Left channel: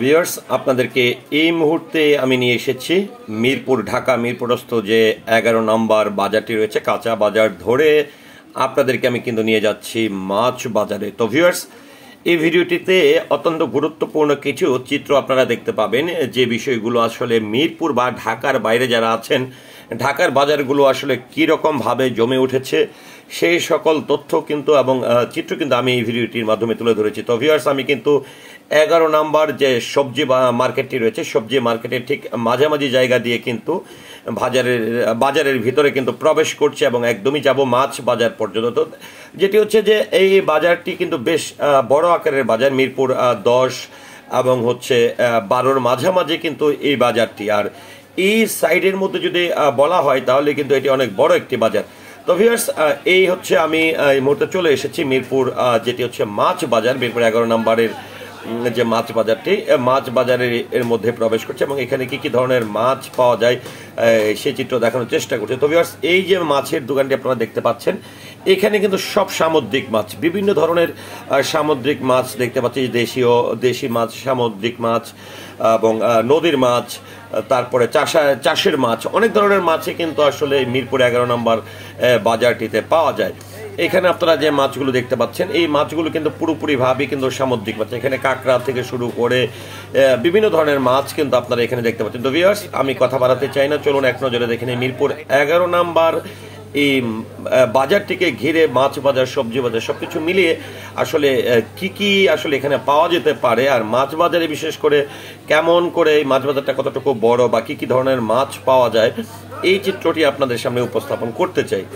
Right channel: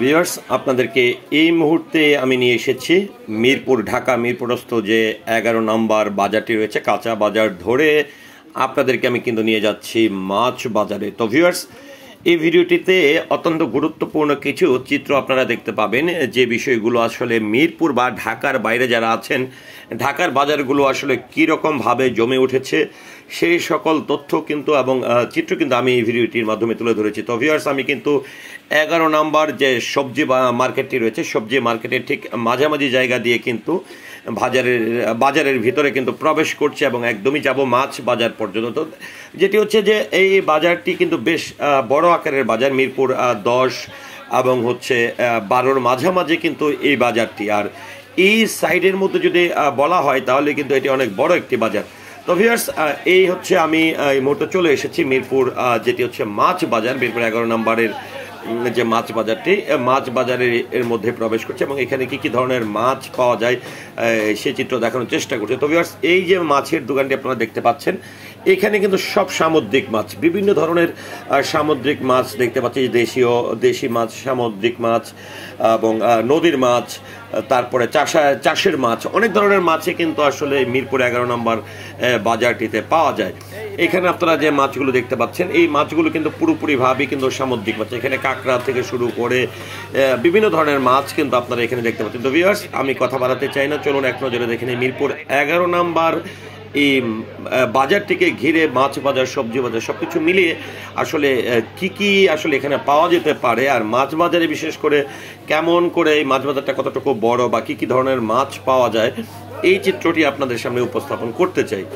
Viewers, আপনাদেরকে এই মুহূর্তে আমি নিয়ে এসেছি মিরপুর, ঢাকা মিরপুরস্থ যে 11 নম্বর বাজারটি রয়েছে, কাঁচা বাজার ধরে আপনাদেরকে আমি কিন্তু নিয়ে যাচ্ছি মাছ বাজারে। তো ভিউয়ার্স, এই ভিডিওটিতে অত্যন্ত গুরুত্বপূর্ণ কিছু চিত্র আপনারা দেখতে পাবেন, যে বিষয়গুলো আসলে মিরপুর বা ঢাকার বাইরে যারা আছেন, ঢাকার বাজারগুলো আসলে কীরকমভাবে জমে উঠেছে সেই সকল তথ্য কিন্তু এবং চিত্র কিন্তু আমি এই ভিডিওটির মাধ্যমে তুলে ধরেছি। তো ভিউয়ার্স, আমি কিন্তু 11 নম্বর যে সবজি মার্কেটটি রয়েছে, সবজি মার্কেটের ঠিক মাঝামাঝি জায়গা দিয়ে কিন্তু বাজারের ভিতরে কিন্তু প্রবেশ করছে এবং একদমই যাব মাছ বাজার পর্যন্ত, যেটি হচ্ছে যে এই বাজারটি কিন্তু বেশ বড় আকারের বাজার, মিরপুর 10 এবং হচ্ছে 12-র মাঝামাঝি কিন্তু এই বাজারটি। আর এই সাইডের মধ্যে যদি বলা হয় তাহলে কিন্তু এটি অনেক বড় একটি বাজার। তো ভিউয়ার্স, এই হচ্ছে আমি এই মুহূর্তে চলে এসেছি মিরপুর, যেটি হচ্ছে মাছ বাজার, মিরপুর 11 নম্বরের যে মাছ বাজারটি, মাছ বাজারের এর মধ্যে প্রবেশ করছে এবং এখানে কি কি ধরনের মাছ পাওয়া যায় সেই চিত্র দেখানোর চেষ্টা করছে। তো ভিউয়ার্স, এই যে মাছের দোকানটি আপনারা দেখতে পাচ্ছেন, এখানে কিন্তু সব সামুদ্রিক মাছ, বিভিন্ন ধরনের সামুদ্রিক মাছ দেখতে পাচ্ছি, দেশি মাছ, সামুদ্রিক মাছ এবং নদীর মাছ, তারপরে চাষের মাছ, অনেক ধরনের মাছই কিন্তু আসলে মিরপুর 11 নম্বর বাজারটিতে পাওয়া যায়। এখানে আপনারা যে মাছগুলো দেখতে পাচ্ছেন, এই মাছগুলো কিন্তু পুরোপুরিভাবেই কিন্তু সামুদ্রিক মাছ, এখানে কাঁকড়া থেকে শুরু করে বিভিন্ন ধরনের মাছ কিন্তু আপনারা এখানে দেখতে পাচ্ছেন। তো ভিউয়ার্স, আমি কথা বাড়াতে চাই না, চলুন এক নজরে দেখে নিই মিরপুর 11 নম্বর এই বাজারটিকে ঘিরে মাছ বাজার, সবজি বাজার সবকিছু মিলিয়ে আসলে কি আসলে এখানে পাওয়া যেতে পারে, আর মাছ বাজারে বিশেষ করে কেমন করে এই মাছ বাজারটা কতটুকু বড় বা কি ধরনের মাছ পাওয়া যায়, এই চিত্রটি আপনাদের সামনে উপস্থাপন করতে চাই।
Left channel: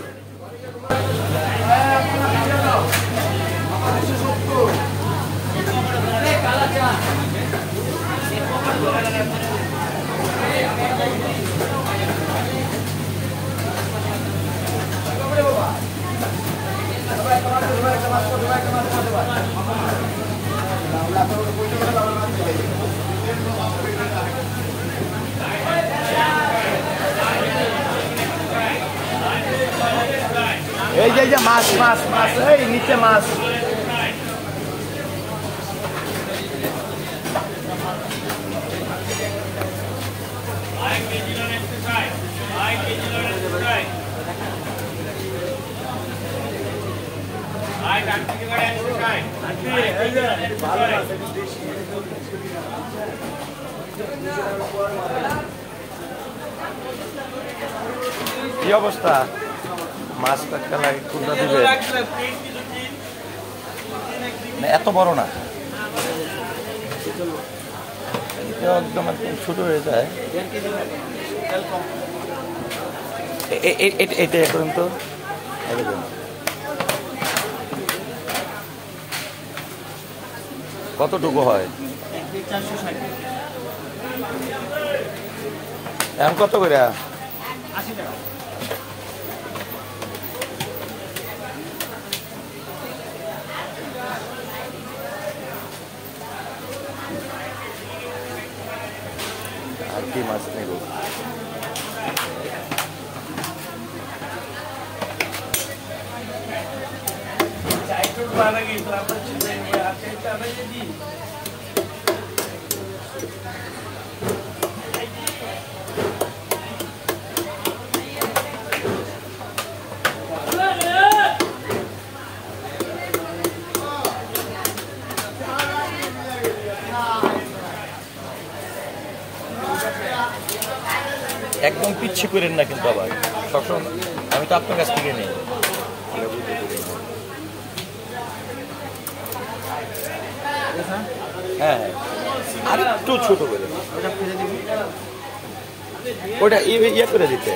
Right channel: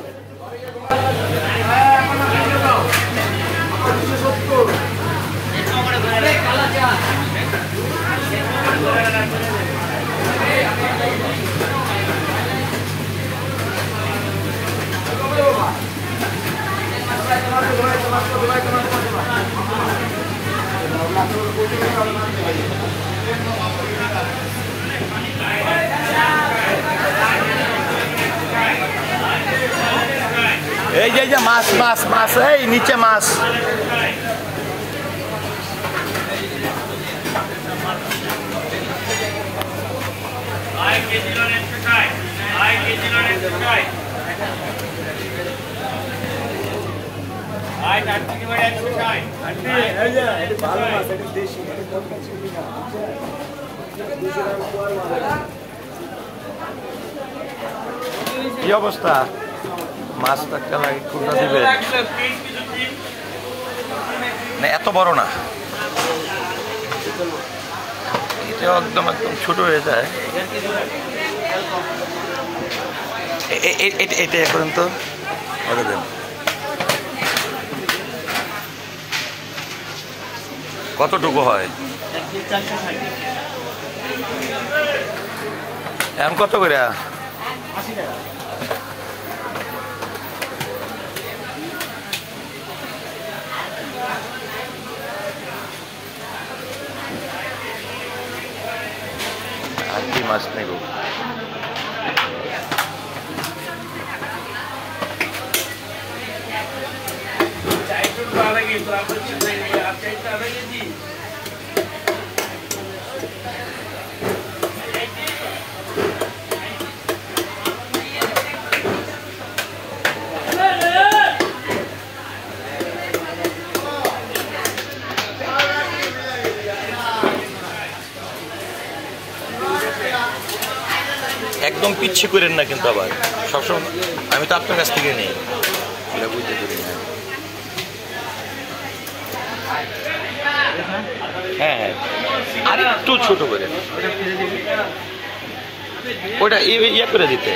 এই যে মাছ মাছ মাছ, এই নিচে মাছ। কি অবস্থা? মাছ একটা লাগে, কোনটা দিবে না, এত বড় না, এটা একদম ছোট হয়ে যায়। এটা এখন তো কতটুকু হয় এখন, কত করে? 80 টাকা। আর কি মাছ নেব? একদম পিচ্ছি করেন না কিন্তু, আবার সবসময় আমি তো আপনার কাছ থেকে নিই, বুঝতে পারি না। হ্যাঁ হ্যাঁ, আর একটু ছোট করে ওটা ইয়ে করে দিতে।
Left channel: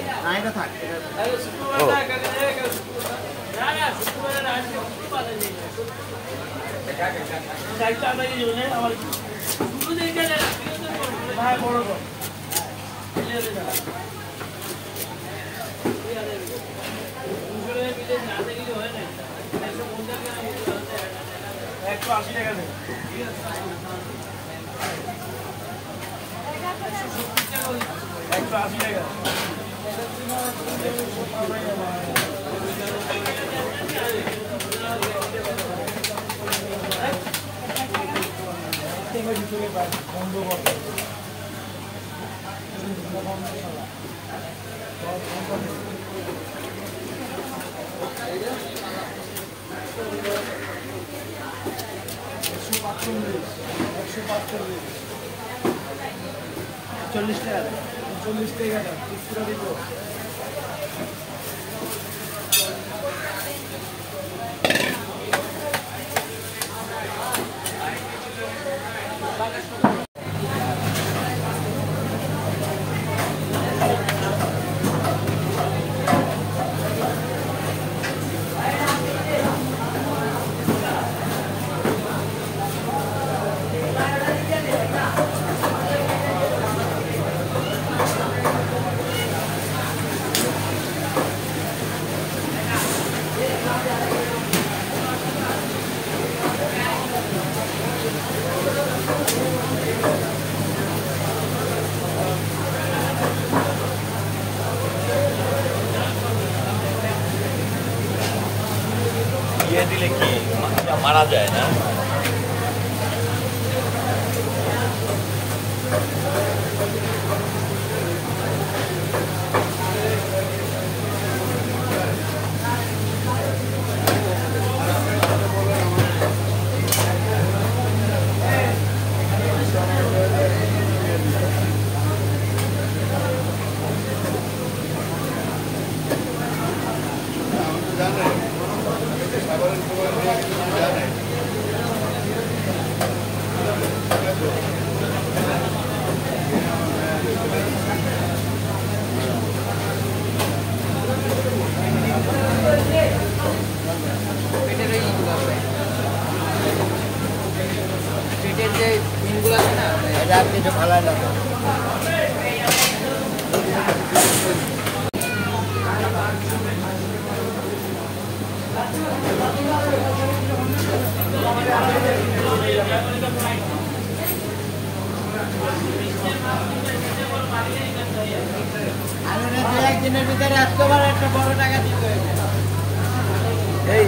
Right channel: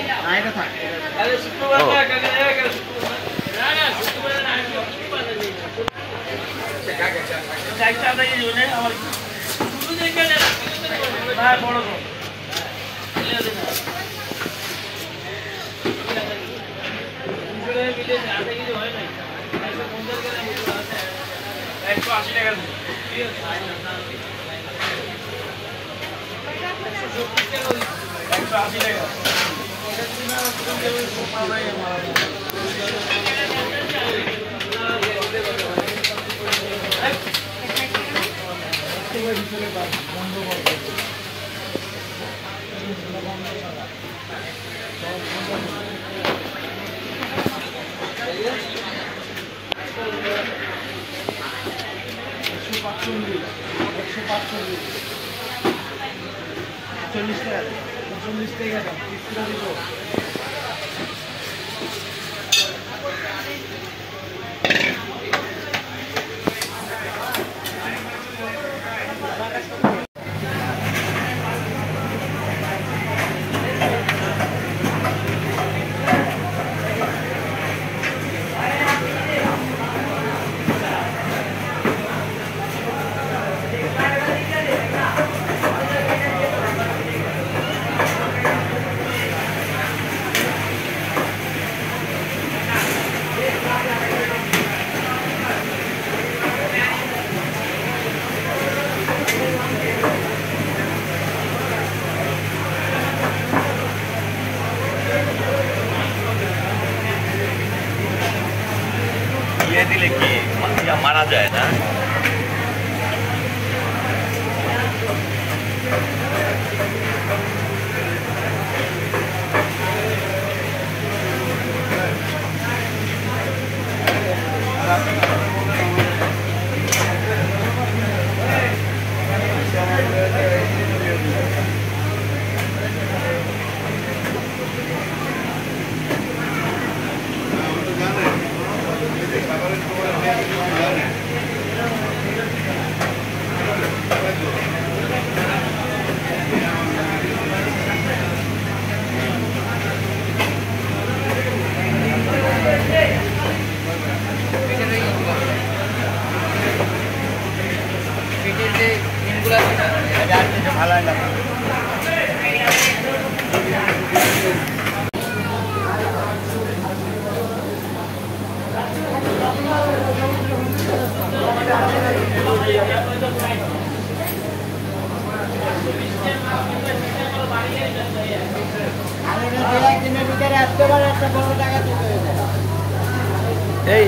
দিলে কি মারা যায় না?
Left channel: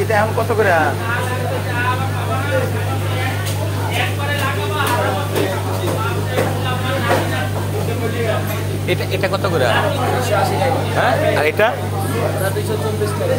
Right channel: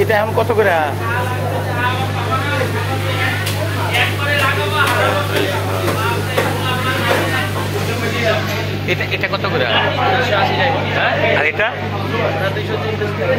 এটা এখন কত করে? এটা কত করে? আর এটা 240 টাকা।